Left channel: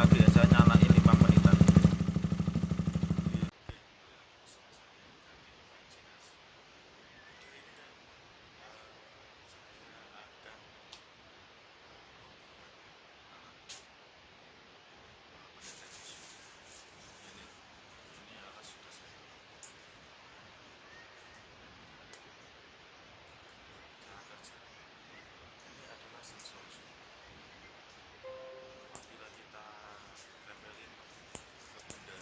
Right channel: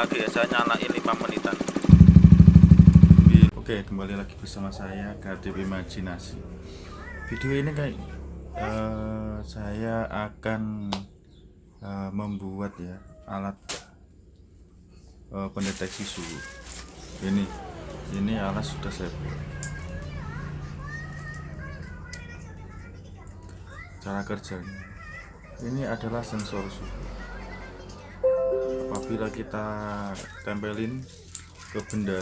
lagi ya, saya nyalain 5 menitan. Oke, kembali lagi bersama saya KDP Imajinasi. Video ini kayak saya akan membuat ya alat pendeteksi suhu. Ini alat sudah saya buat. Cara kerjanya, ini adalah sensor suhu. Apabila kita tempelin ke benda,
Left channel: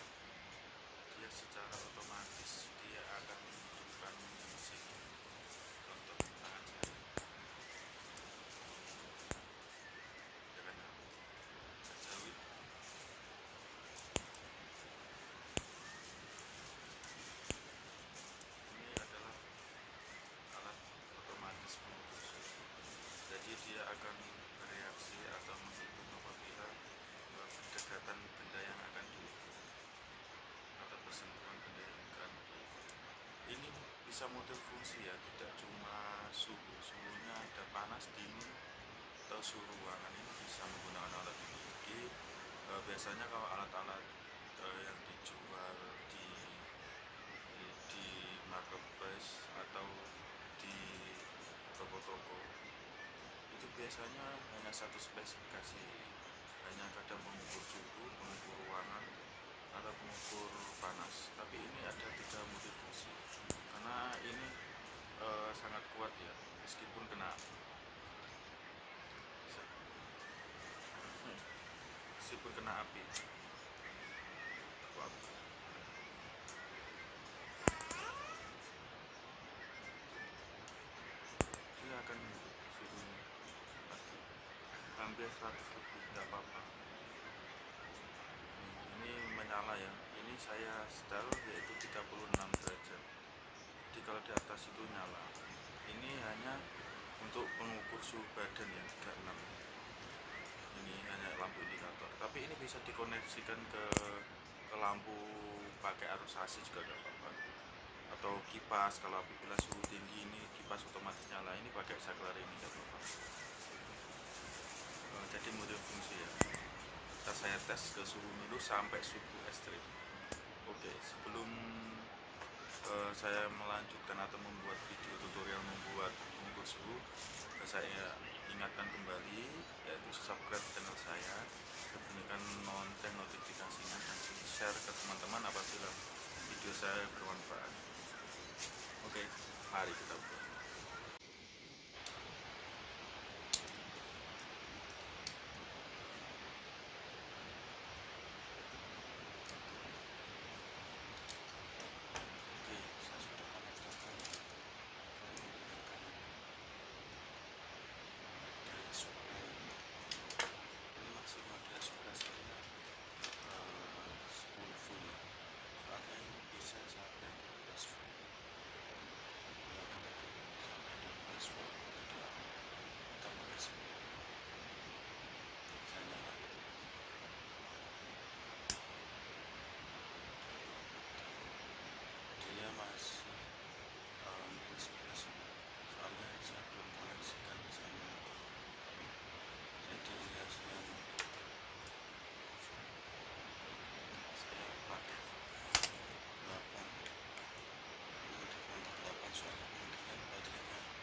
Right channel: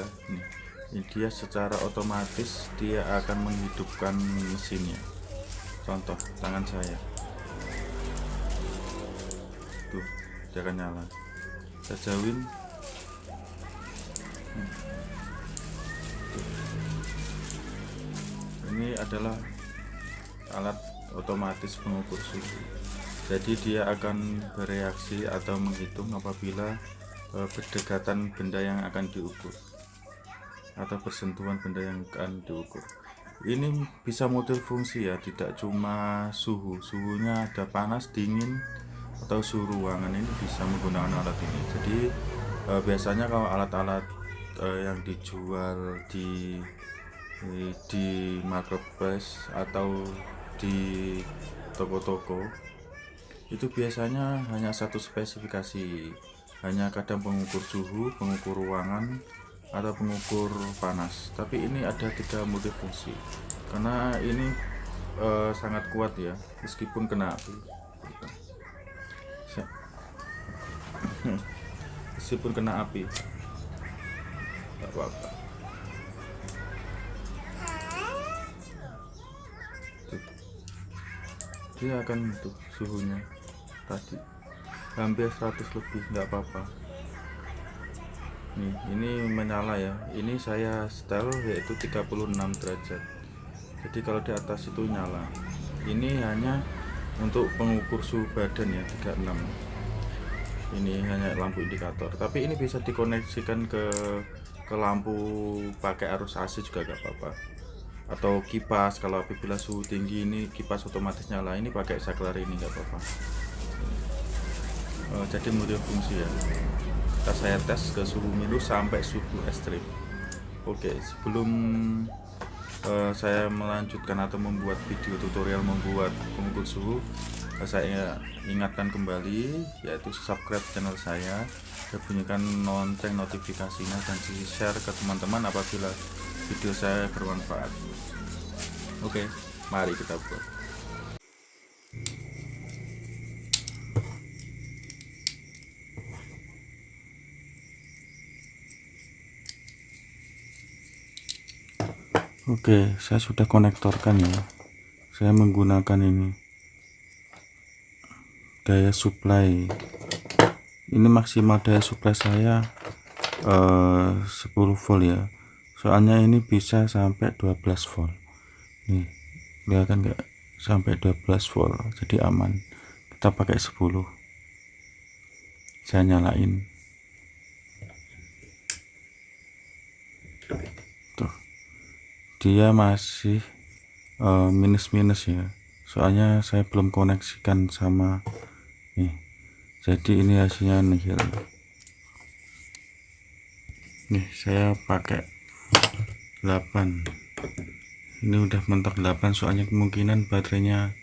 dia secara otomatis dia akan menghidupkan mesinnya. Contoh tangan saya, tuh dia akan nyala. Saya jauhin, ini adalah alat otomatis pengukur suhu. Jadi dia akan bereaksi atau menghitung apabila berdekatan benda yang akan diukur atau bersentuhan benda yang akan diukur. Ini bisa multifungsi ya, tidak cuma suhunya ada panas, dingin, atau suhu ruangan. Ini bisa menggunakan alat ini. Jadi biasanya kalau alat-alat yang dijual di marketplace atau di toko-toko itu biasanya hanya satu spesifikasi, hanya kadang pengukur suhu, pengukur ruangan, atau pengukur panas. Tapi ini ada 3 multifungsi karena ini sangat kuat ya, meskipun kena api. Meskipun kena api nggak apa-apa. Dia akan untuk suhunya tadi hampir 100 lebih, nggak apa-apa. Ini menyala ya, ini saya setel yaitu 36 derajat. Jadi kalau di atas itu nyala. Ini hanya untuk pengukur suhu badan ya, 36. Ini hanya lampu indikator, tapi ini bisa dikoneksikan ke lampu pakai arus AC juga gak apa-apa, atau kipas. Kalau apabila suhu tinggi ini kipas otomatis nyala, ini pakai saklar ini gak apa-apa. Jadi multifungsi ya. Saya tes ke suhu minus sampai suhu ekstrim. Oke, sebelum saya melanjutkan atau membuat video tutorial membuat pengukur suhu, saya ingatkan kembali yaitu subscribe channel saya, dan bunyikan lonceng notifikasinya, dan di share ke teman-teman apabila video saya bermanfaat. Oke, mari kita buat. Oke, saya sudah konektorkan ya. Saya menggunakan ini daya supply. Ini maksimal daya supply saya 10 volt ya. Soalnya ini bisa sampai 12 volt. Nih, kelihatan nggak? Sampai 12 volt. Jadi aman. Kita pakai 10. Saya nyalain. Tuh. Dia masih minus-minus ya, soalnya saya belum koneksikan sama nih. Jadi ini hasilnya nihil. Nih saya pakai 8. Ini udah mentok 8, soalnya kemungkinan baterainya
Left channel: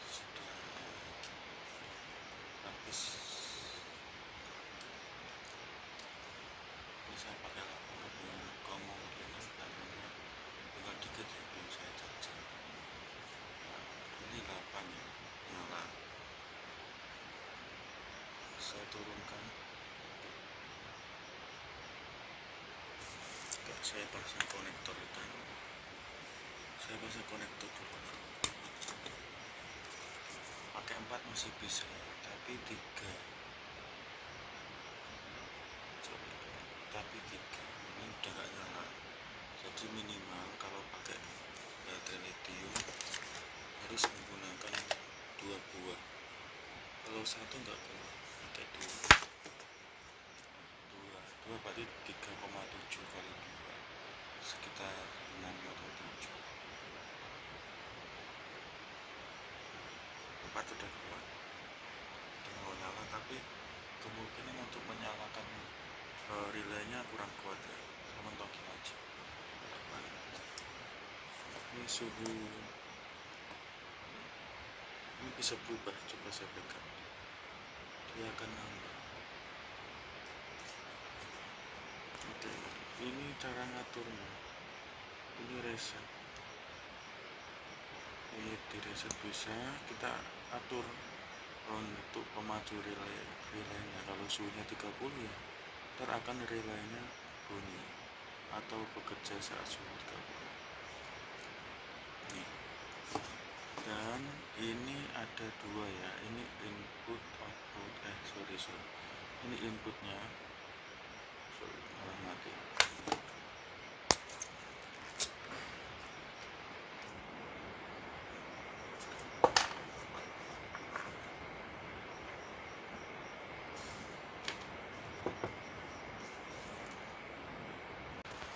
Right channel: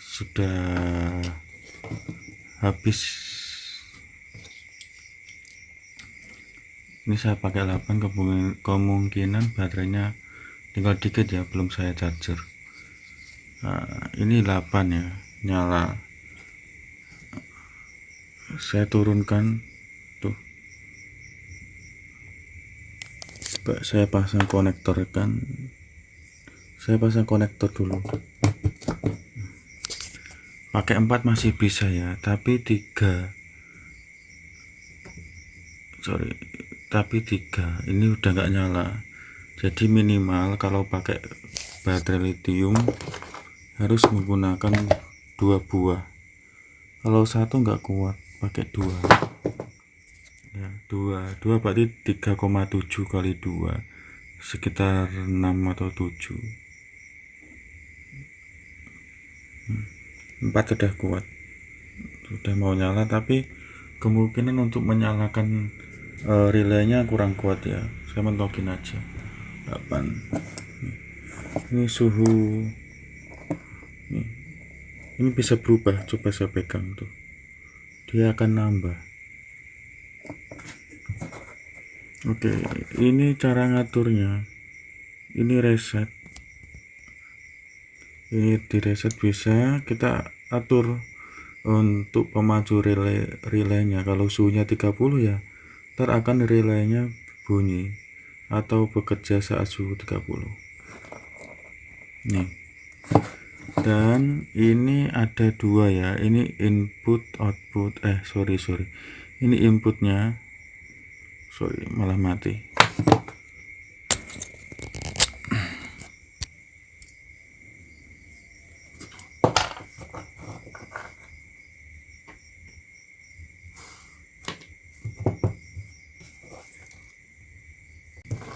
sudah habis. Ini saya pakai 8, kemungkinan baterainya tinggal dikit ya, belum saya charger. Nah, ini 8 ya, nyala. Saya turunkan tuh. Saya pasang konektor kan. Saya pasang konektor dulu. Pakai 4 masih bisa ya, tapi 3 ini udah nggak nyala. Jadi minimal kalau pakai baterai lithium harus menggunakan 2 buah. Kalau satu nggak kuat, pakai 2 ya. 2 berarti 3,7 kali 2 sekitar 6 atau 7. 4 sudah kuat, sudah mau nyala, tapi kemungkinan untuk menyalakan relaynya kurang kuat ya. Saya mentokin aja 8. Ini suhu ini bisa berubah, coba saya pegang tuh, dia akan nambah. Oke, ini cara ngaturnya. Ini reset, ini di reset bisa kita atur untuk pemaju relaynya. Kalau suhunya 30 ya ntar akan relaynya bunyi atau bekerja saat suhu 30 nih. Dan ini ada 2 ya, ini input output sorry ini inputnya, malah mati.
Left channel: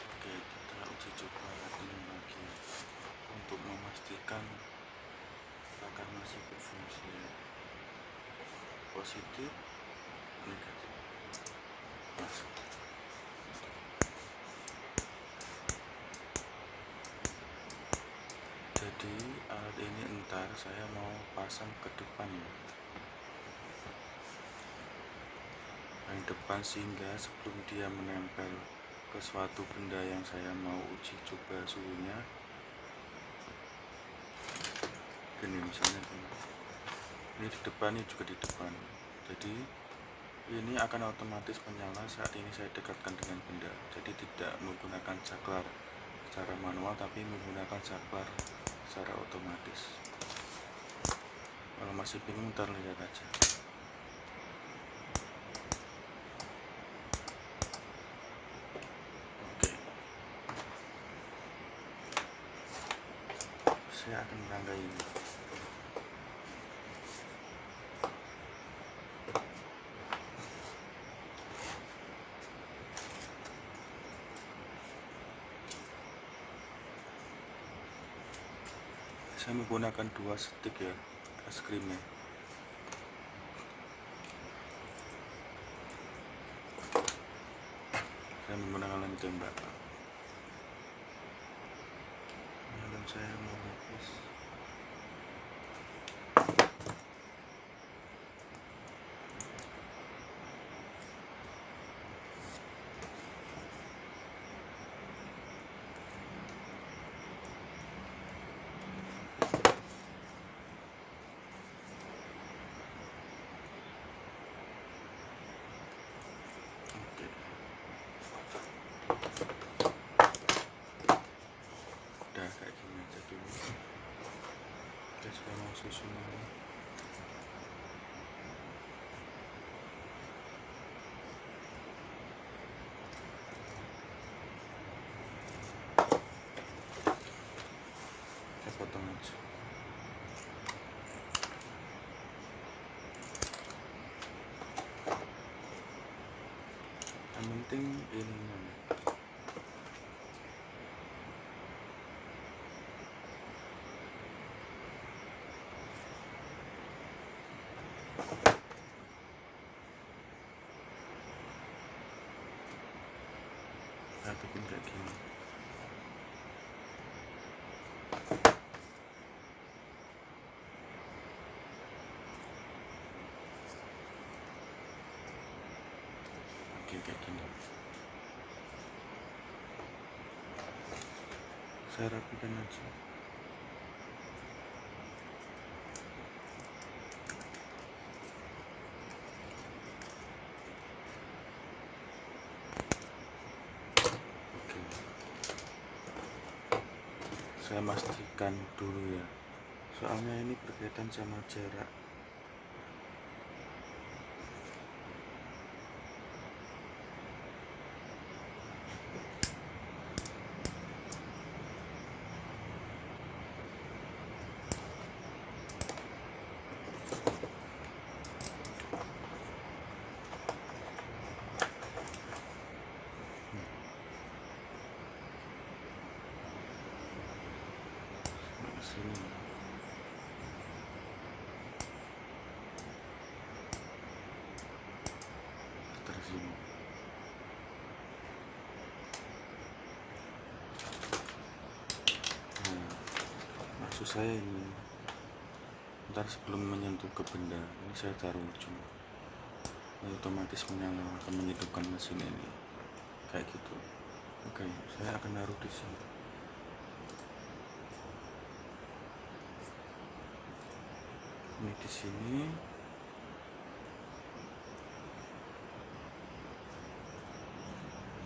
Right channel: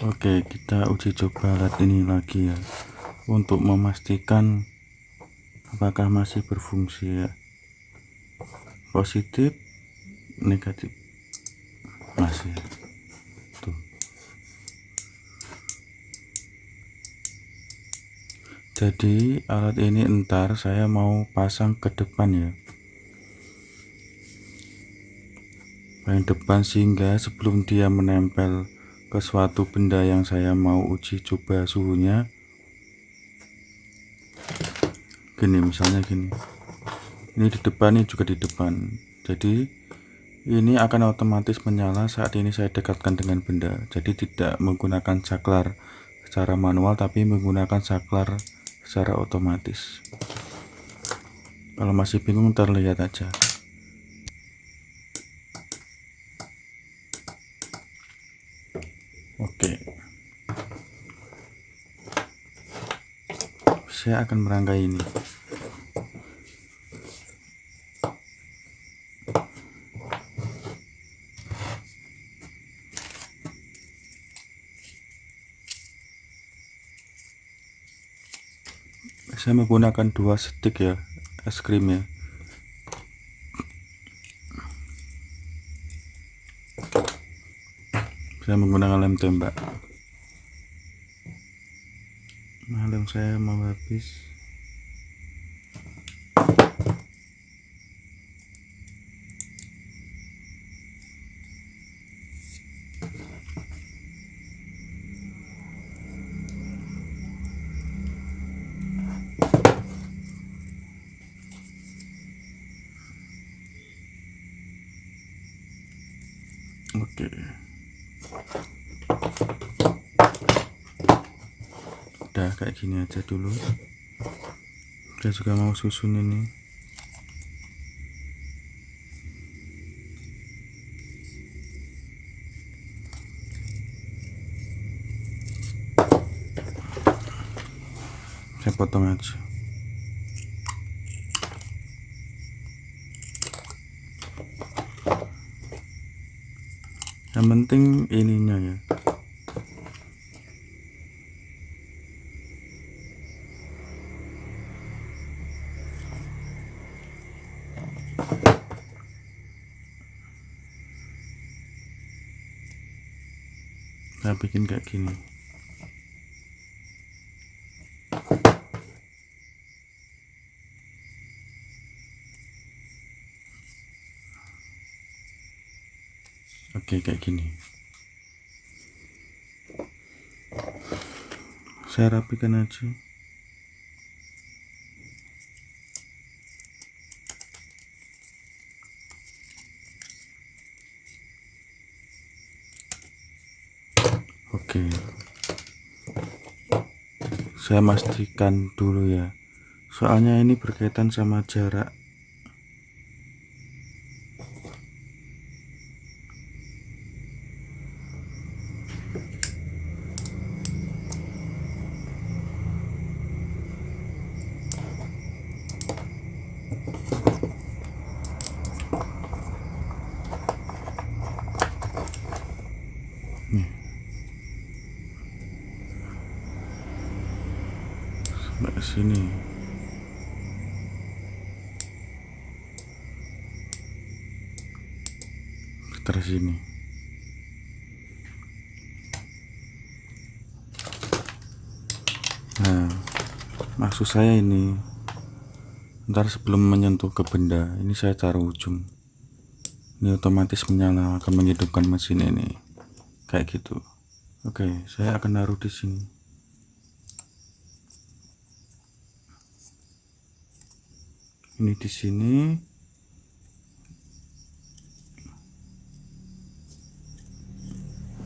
Oke, kita uji coba alat ini lagi ya, untuk memastikan apakah masih berfungsi ya. Positif, negatif, masih tuh. Jadi alat ini entar saya mau pasang ke depan ya, yang depan, sehingga sebelum dia menempel ke suatu benda yang saya mau uji coba suhunya, gini misalnya gini, ini di depan, ini juga di depan, jadi ini akan otomatis menyala saat ini saya dekatkan dengan benda. Jadi tidak menggunakan saklar secara manual, tapi menggunakan saklar secara otomatis. Kalau masih bingung ntar lihat aja. Oke, saya akan merangkai ini. Saya menggunakan 2 stick ya, es krim ya. Saya menggunakan lem tembak. Lem saya mau habis. Oke, udah kayak gini aja dulu. Saya juga mau susun ini. Saya potong aja. Yang penting ininya ya. Saya bikin kayak gini. Oke, kayak gini. Saya rapikan aja. Oke, saya pastikan dulu ya, soalnya ini berkaitan sama jarak. Sampai sini. keras ini. Nah, maksud saya ini, ntar sebelum menyentuh ke benda ini saya taruh ujung. Ini otomatis menyala, akan menghidupkan mesin ini, kayak gitu. Oke, saya akan naruh di sini. Ini di sini.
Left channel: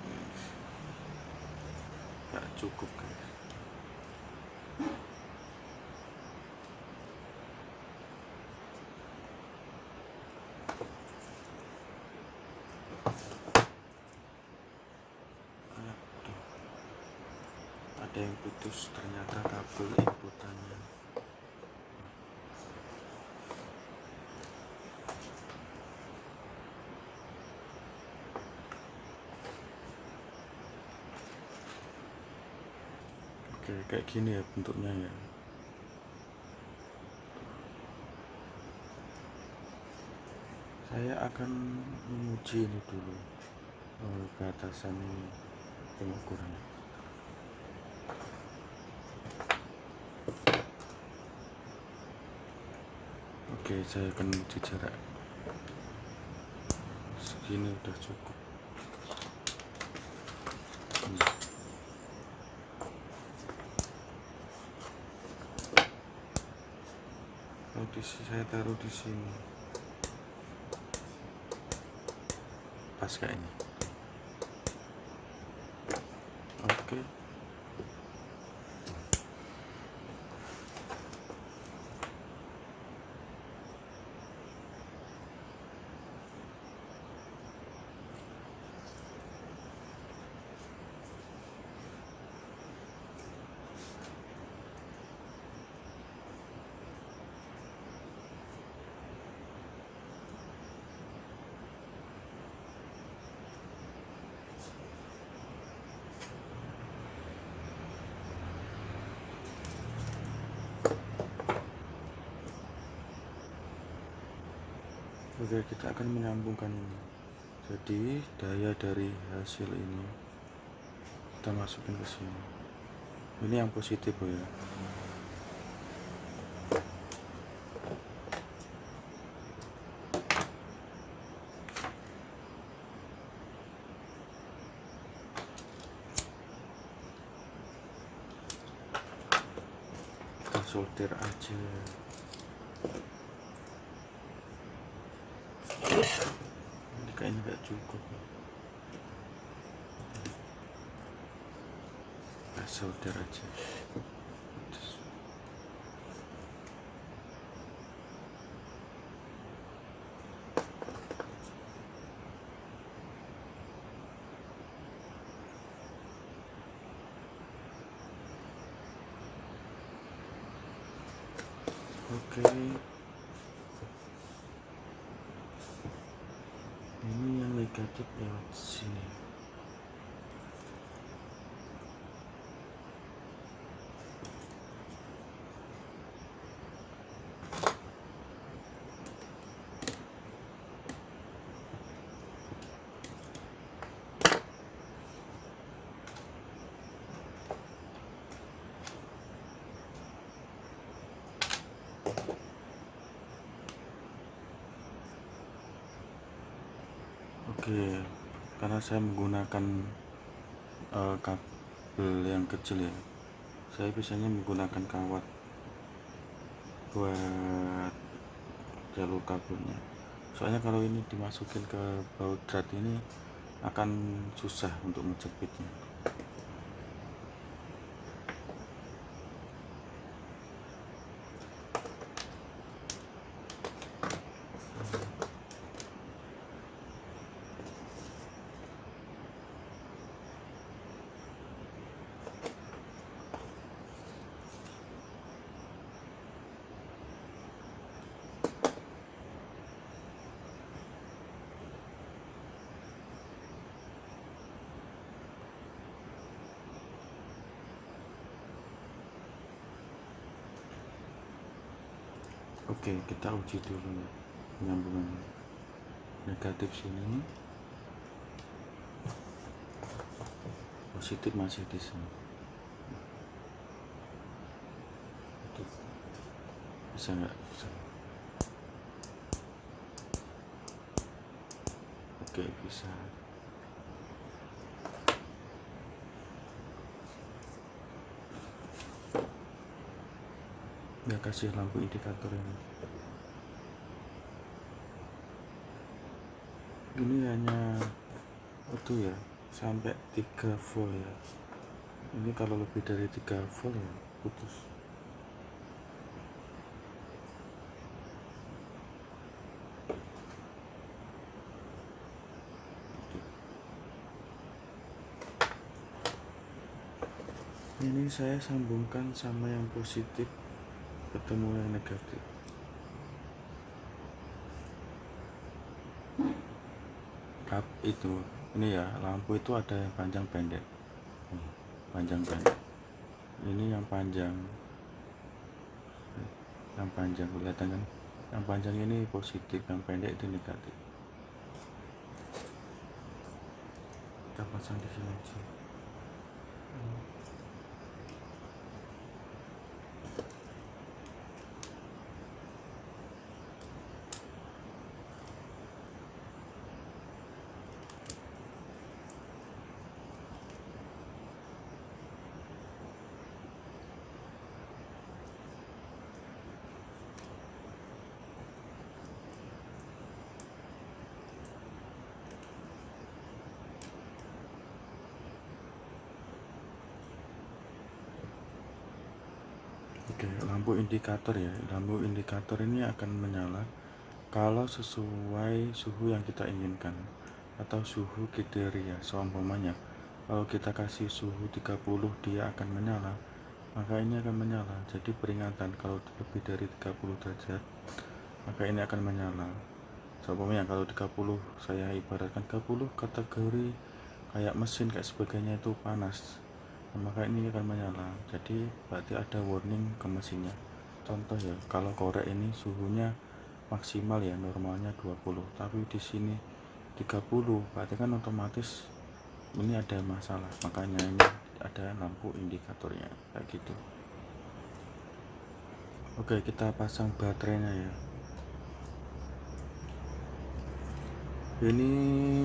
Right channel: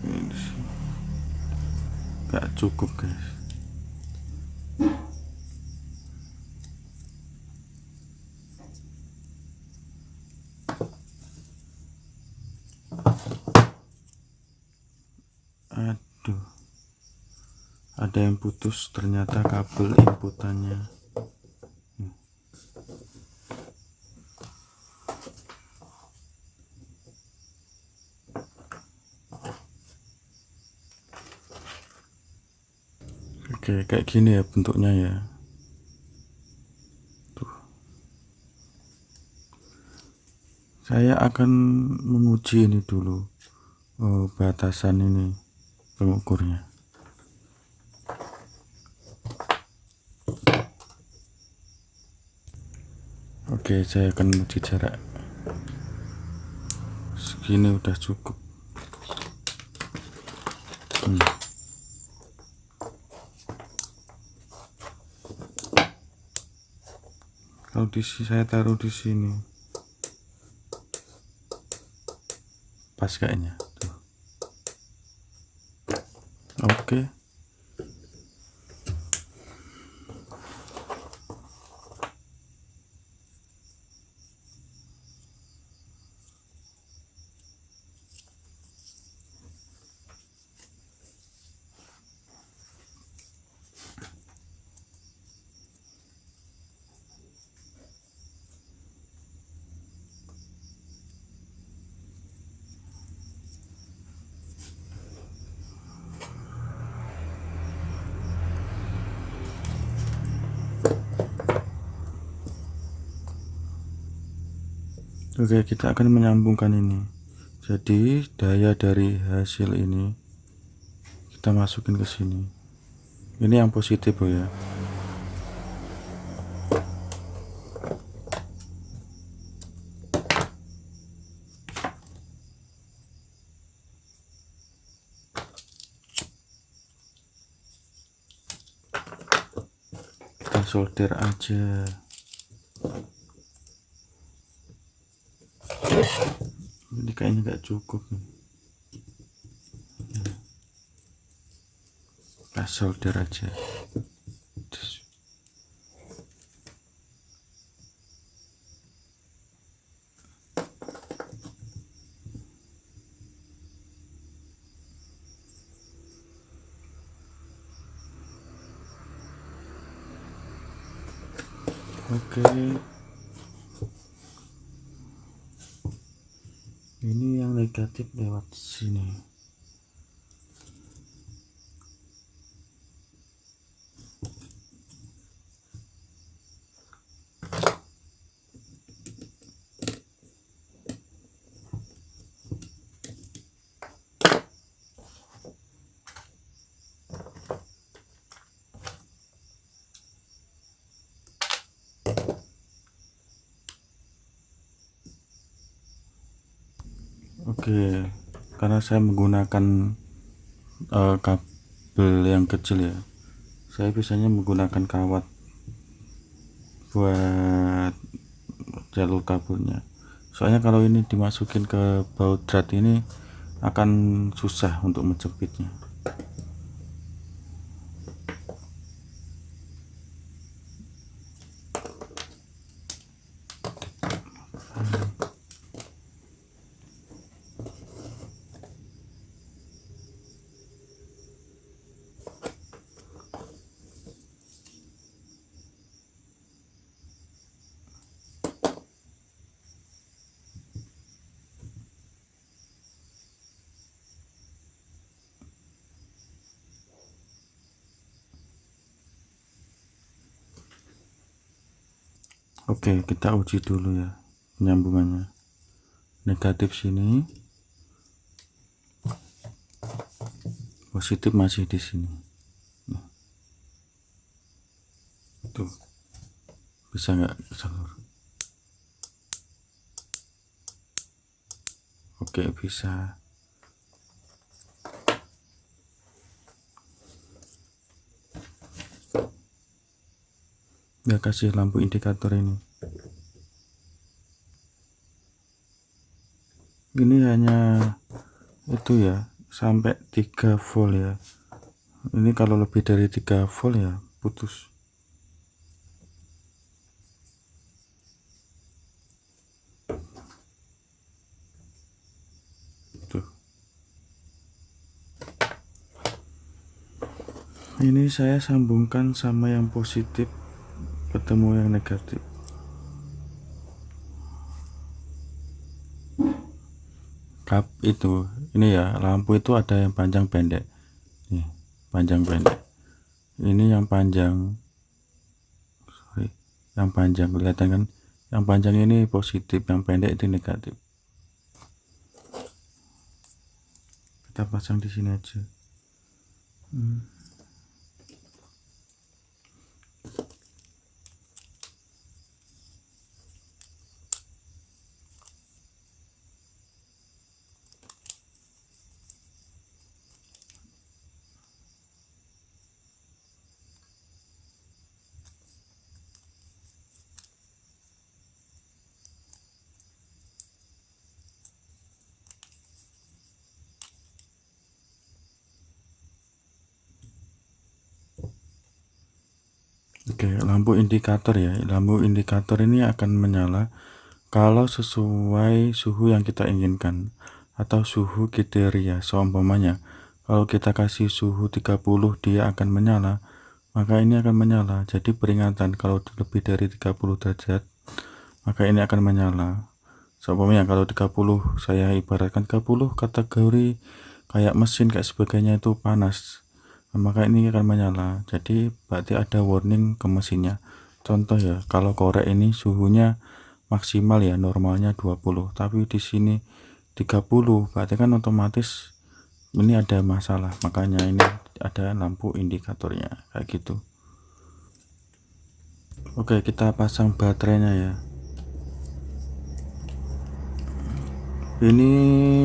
Ini di sini. Gak cukup, guys. Aduh, ada yang putus, ternyata kabel inputannya. Oke, kayak gini ya bentuknya ya. Tuh. Saya akan menguji ini dulu, batasan ini pengukurnya. Oke, saya akan menguji jarak. Segini udah cukup. Kalau di sini saya taruh di sini, pas kayaknya. Tuh. Oke. Oke, kita akan menyambungkan ini. Jadi daya dari hasil ini kita masukin ke sini. Ini yang positif ya. Kita solder aja. Ini kayaknya nggak cukup nih. Kita solder aja. Oke. Ini yang negatif lewat sini. Oke, karena saya menggunakan kabel yang kecil ya, saya biasanya menggunakan kawat buat jalur kabelnya. Soalnya kalau ini dimasukin ke baut drat ini akan susah untuk menjepitnya. Oke, kita uji dulu ya penyambungannya. Negatif sini, positif masih di sini. Itu bisa nggak? Bisa. Oke, bisa. Ya, kasih lampu indikator ini. Ini hanya itu ya, sampai 3 volt ya. Ini kalau lebih dari 3 volt ya putus. Tuh. Ini saya sambungkan sama yang positif, ketemu yang negatif. Kap itu, ini ya, lampu itu ada yang panjang pendek. Nih, panjang pendek. Ini yang panjang. Yang panjang kelihatan kan? Yang panjang ini positif, yang pendek itu negatif. Kita pasang di sini aja. Oke, lampu indikator ya. Lampu indikator ini akan menyala kalau sesuai suhu yang kita inginkan atau suhu kriteria. Seumpamanya, kalau kita kasih suhu 30 dia akan menyala, maka ini akan menyala. Jadi peringatan kalau lebih dari 30 derajat, maka ini akan menyala. Seumpamanya kalau 30, saya ibaratkan 30 kategori kayak mesin kayak sebagainya itu panas. Nah, maka ini akan menyala. Jadi berarti ada warning ke mesinnya. Contoh ya, kalau korek ini suhunya maksimal ya, normalnya 20, tapi di sini 30, berarti kan otomatis ini ada masalah. Makanya ini ada lampu indikatornya kayak gitu. Oke, kita pasang baterainya ya. Ini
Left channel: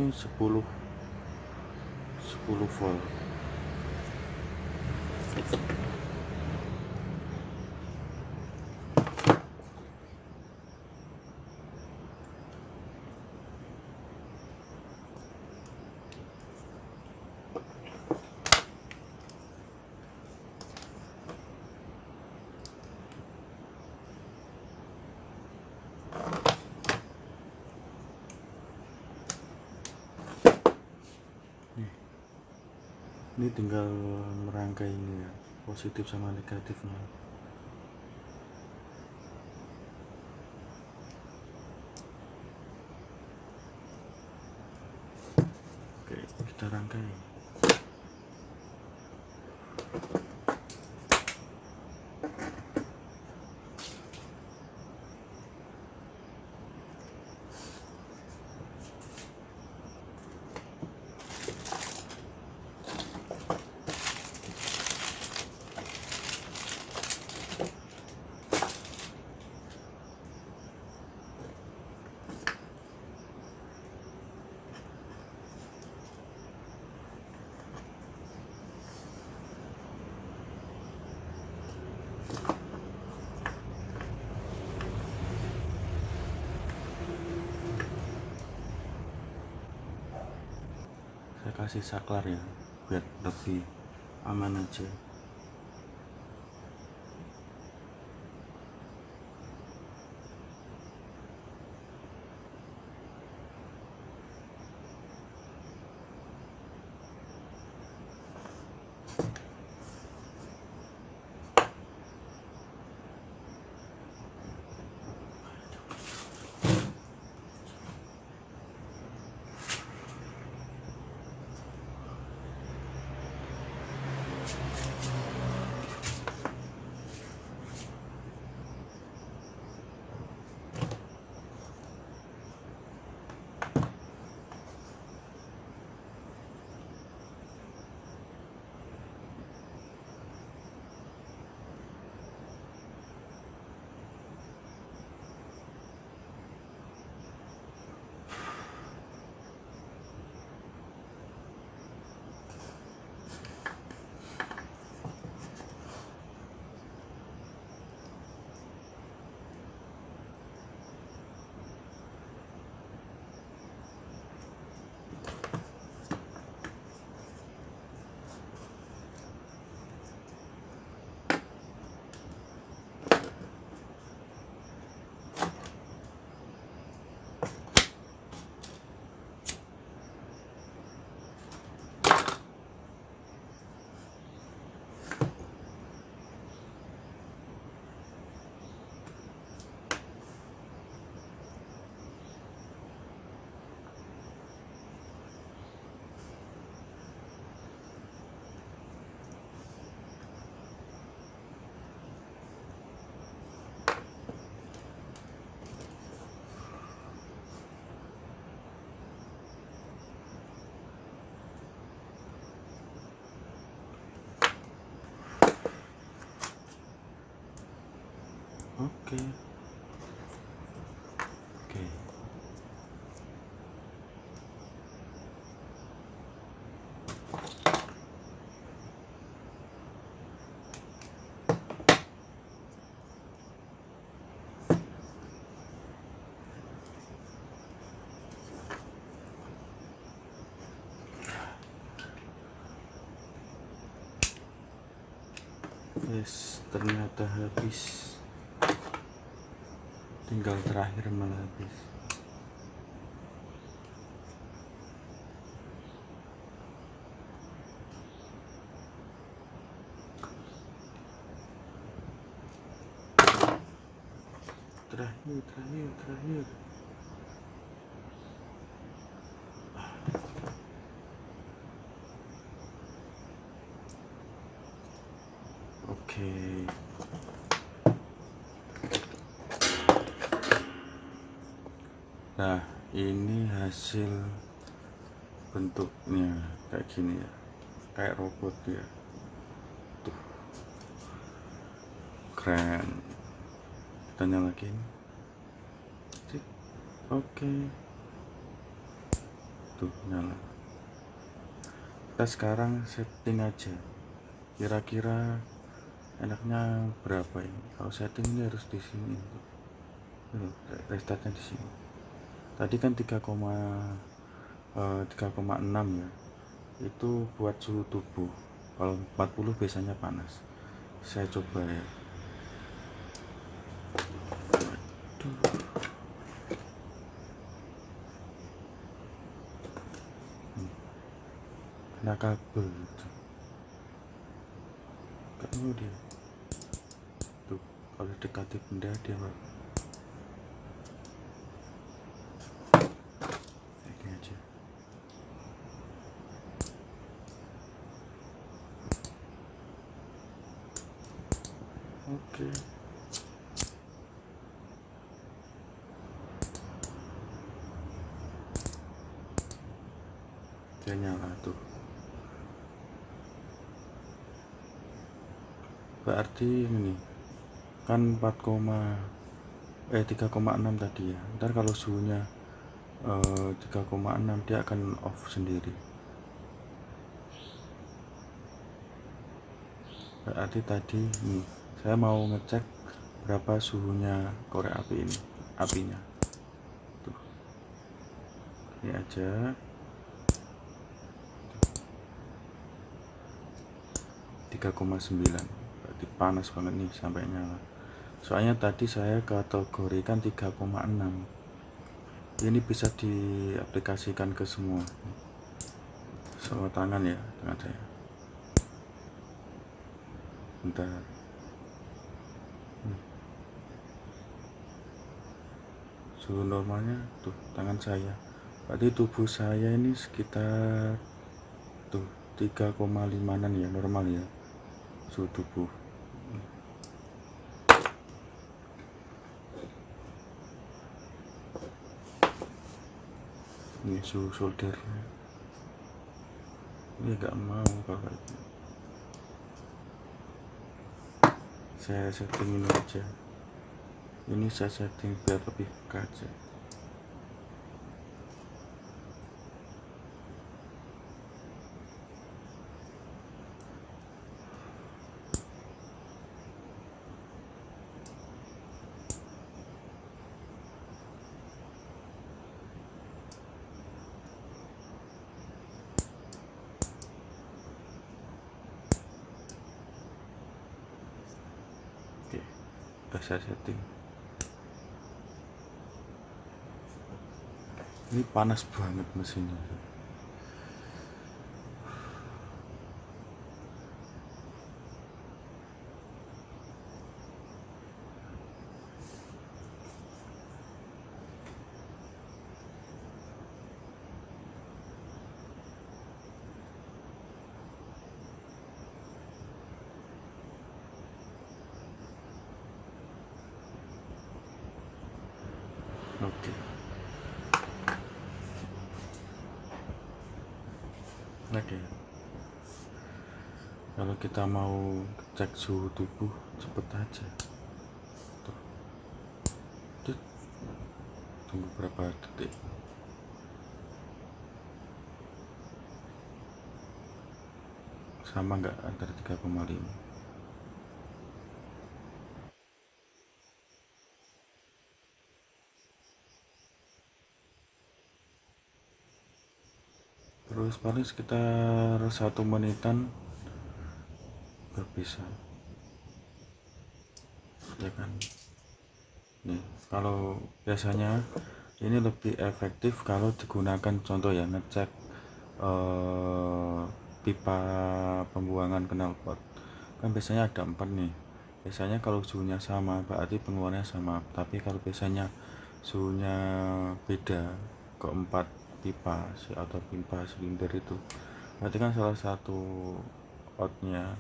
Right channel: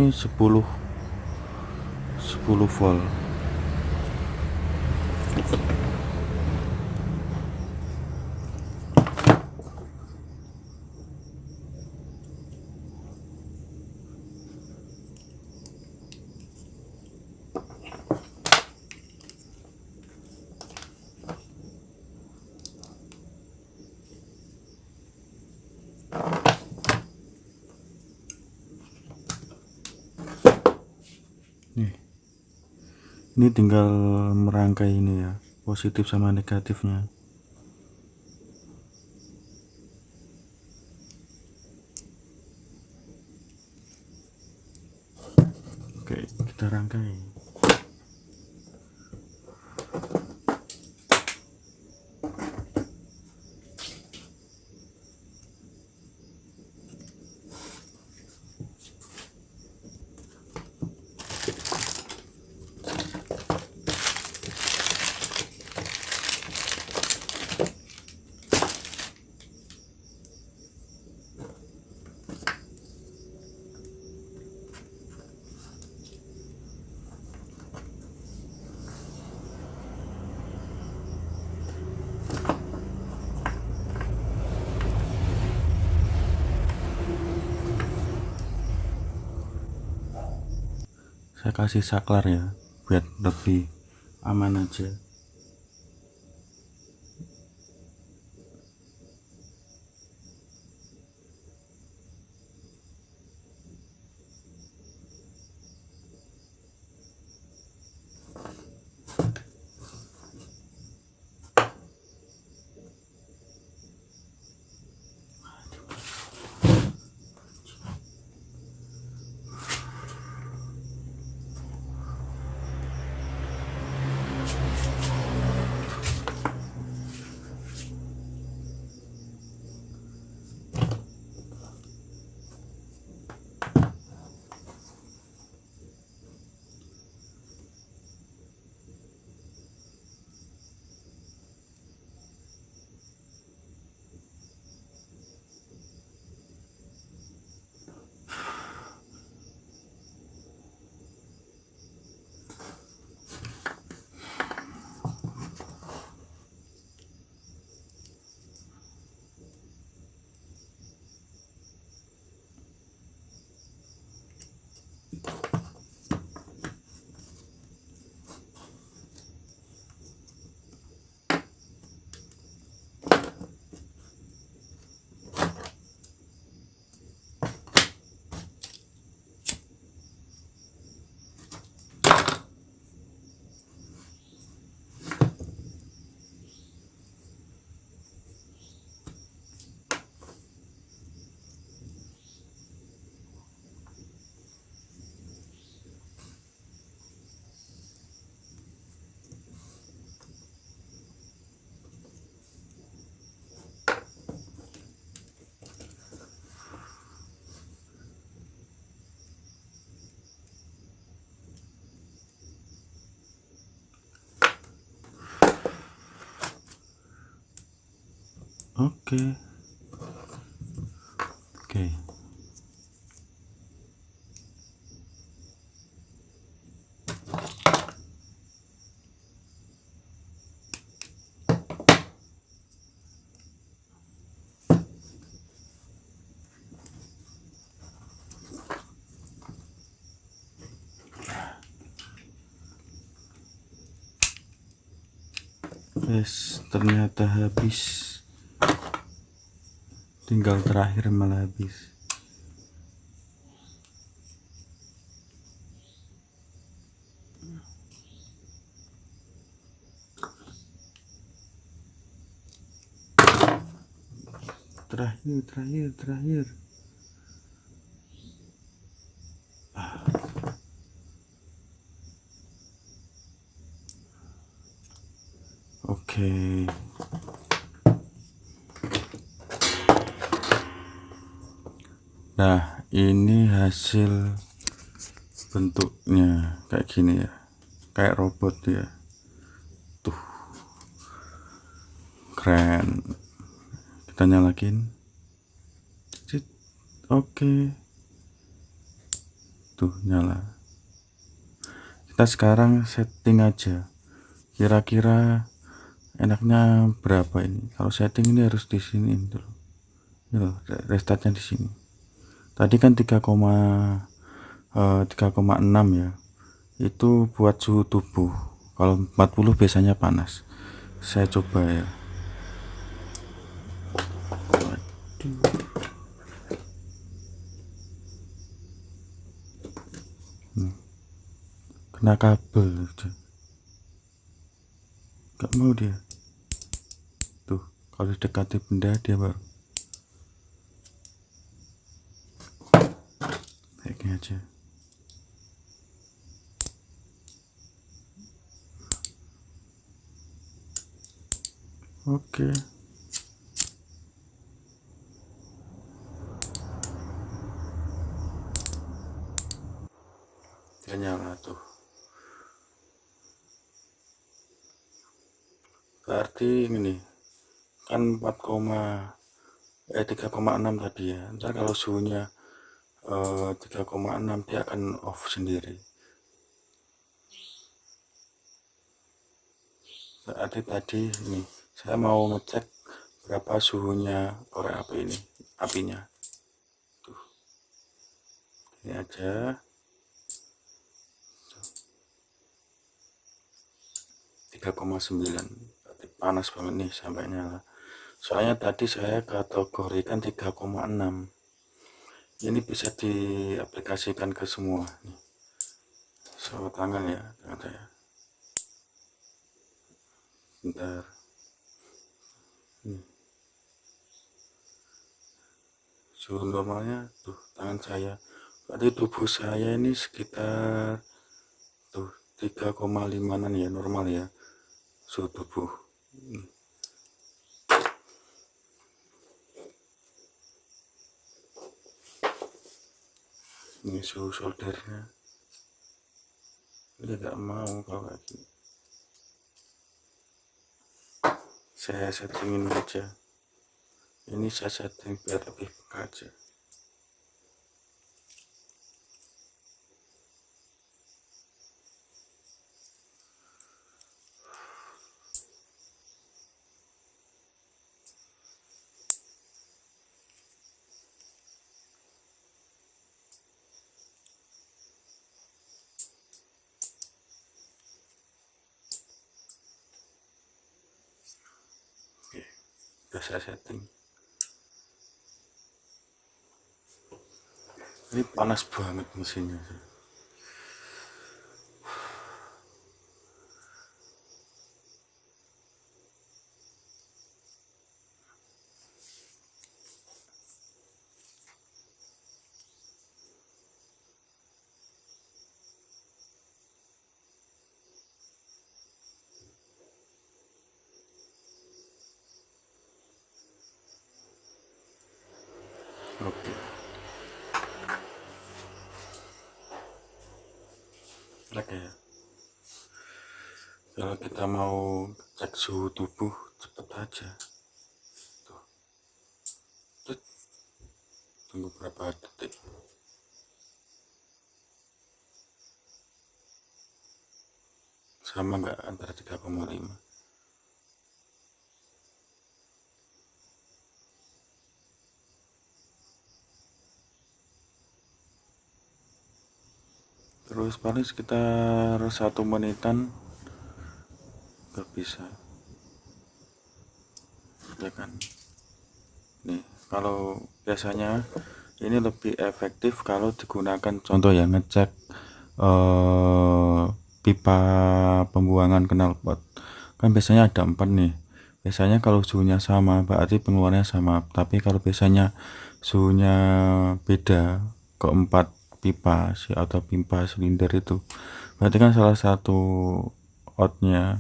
10 volt. Ini tinggal merangkai ini ya, positif sama negatifnya. Oke, kita rangkai. Saya kasih saklar ya, biar lebih aman aja. Oke. Oke. Yes, ternyata habis. Tinggal terakhir malah habis. Terakhir. Oke. Nah, ini hasil bentuknya kayak gini ya. Kayak robot ya. Tuh. Keren. Kita nyalakin. Oke. Tuh, nyala. Kita sekarang setting aja. Kira-kira enaknya berapa ini? Kalau setting ini harus di sini tuh. Ini restartnya di sini. Tadi kan 3,6 ya. Itu buat suhu tubuh. Kalau 40 biasanya panas. Saya coba ya. Waduh. Kena kabel gitu. Gak mau dia. Tuh, kalau dekati benda dia baru. Kayak gini aja. Oke. Dia nyala tuh. Berarti ini kan 3,6 tadi ya. Ntar kalau suhunya 3,6 dia akan off sendiri. Berarti tadi nih saya mau ngecek berapa suhunya korek api ini, apinya. Tuh. Ini aja. 3,9. Berarti panas banget nih sampai nyala. Soalnya tadi saya kategorikan 3,6. Ini bisa diaplikasikan ke semua. Sama tangan ya, tangan saya. Bentar. Suhu normalnya tuh tangan saya. Berarti tubuh saya ini sekitar tuh 3,5an ya, normal ya suhu tubuh. Ini suhu soldernya. Dia gak mau bawa itu. Saya settingin aja. Ini saya setting biar lebih peka aja. Oke, udah saya setting. Ini panas banget mesinnya. Oke. Oke. Kalau kita mau cek suhu tubuh cepet aja. Tuh. tunggu berapa detik. Sama nggak antara 3,5? Terus paling sekitar 1 menitan nggak bisa ya kan. Nih kalau biasanya ini lebih efektif kalau digunakan contoh yang ngecek pipa pembuangan knalpot kan biasanya ada 4 nih. Biasanya kalau suhunya sama berarti pengeluarannya sama, tapi kalau biasanya suhunya beda keempat pipa atau pipa silinder itu berarti kan salah satu outnya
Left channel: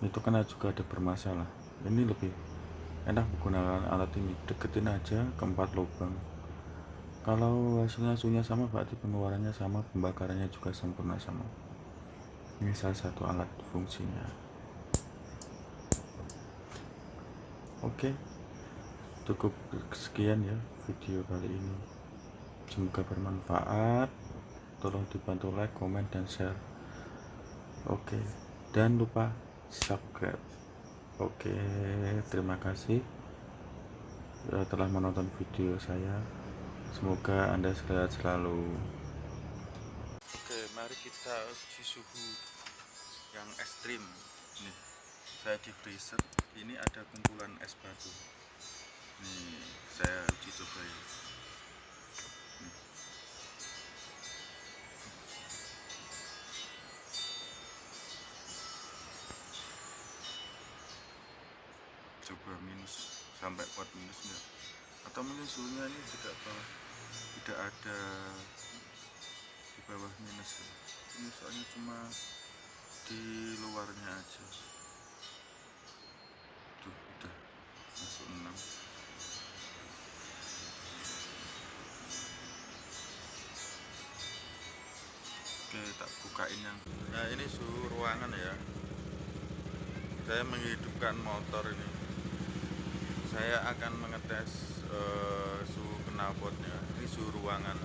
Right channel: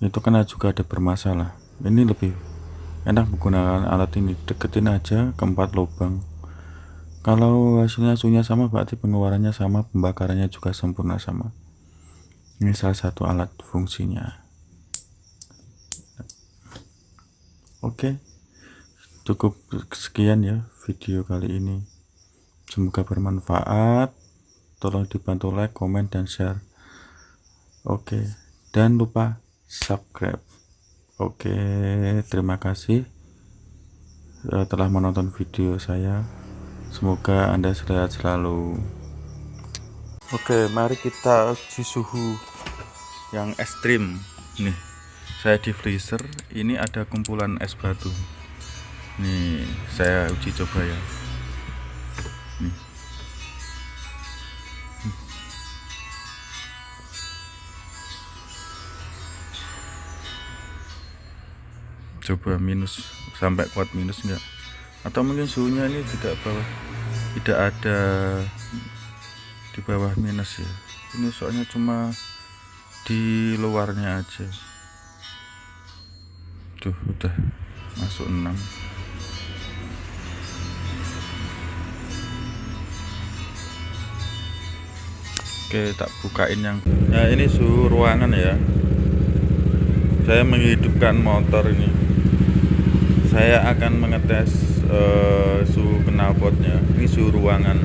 itu kan juga ada bermasalah. Ini lebih enak menggunakan alat ini, deketin aja ke 4 lubang. Kalau hasilnya suhunya sama berarti pengeluarannya sama, pembakarannya juga sempurna sama. Ini salah satu alat fungsinya. Oke, cukup sekian ya video kali ini, semoga bermanfaat. Tolong dibantu like, komen, dan share. Oke, dan lupa subscribe. Oke, terima kasih telah menonton video saya. Semoga Anda sehat selalu. Oke, mari kita uji suhu yang ekstrim. Nih, saya di freezer. Ini ada kumpulan es batu. Nih, saya uji coba ya. Nih. Coba minus, sampai kuat minus enggak? Atau mungkin suhunya ini tidak ada di bawah minus ya. Ini soalnya cuma di luarnya aja. Tuh udah masuk 6. Oke, tak bukain yang ini suhu ruangan ya. Saya menghidupkan motor ini. Saya akan mengetes suhu knalpotnya. Ini suhu ruangan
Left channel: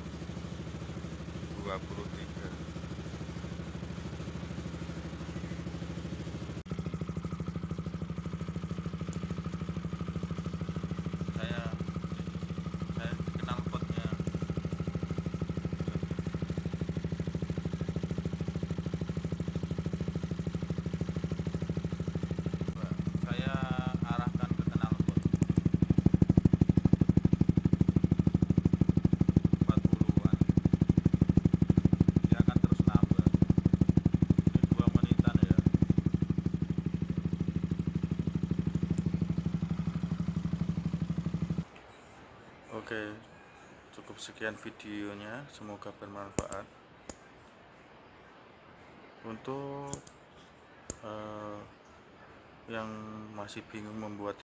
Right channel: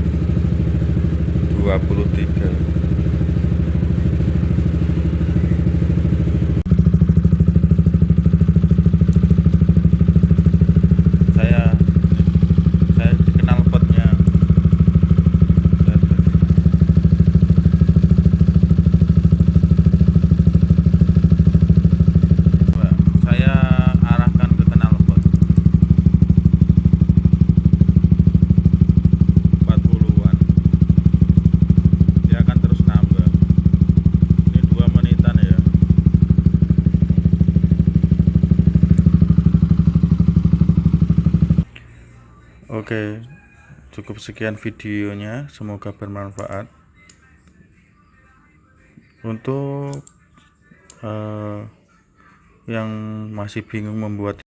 23. Saya di knalpotnya. Saya arahkan ke knalpot 40-an. Dia akan terus nambah. Ini 2 menitan ya. Oke, cukup sekian videonya, semoga bermanfaat. Untuk yang masih bingung membuat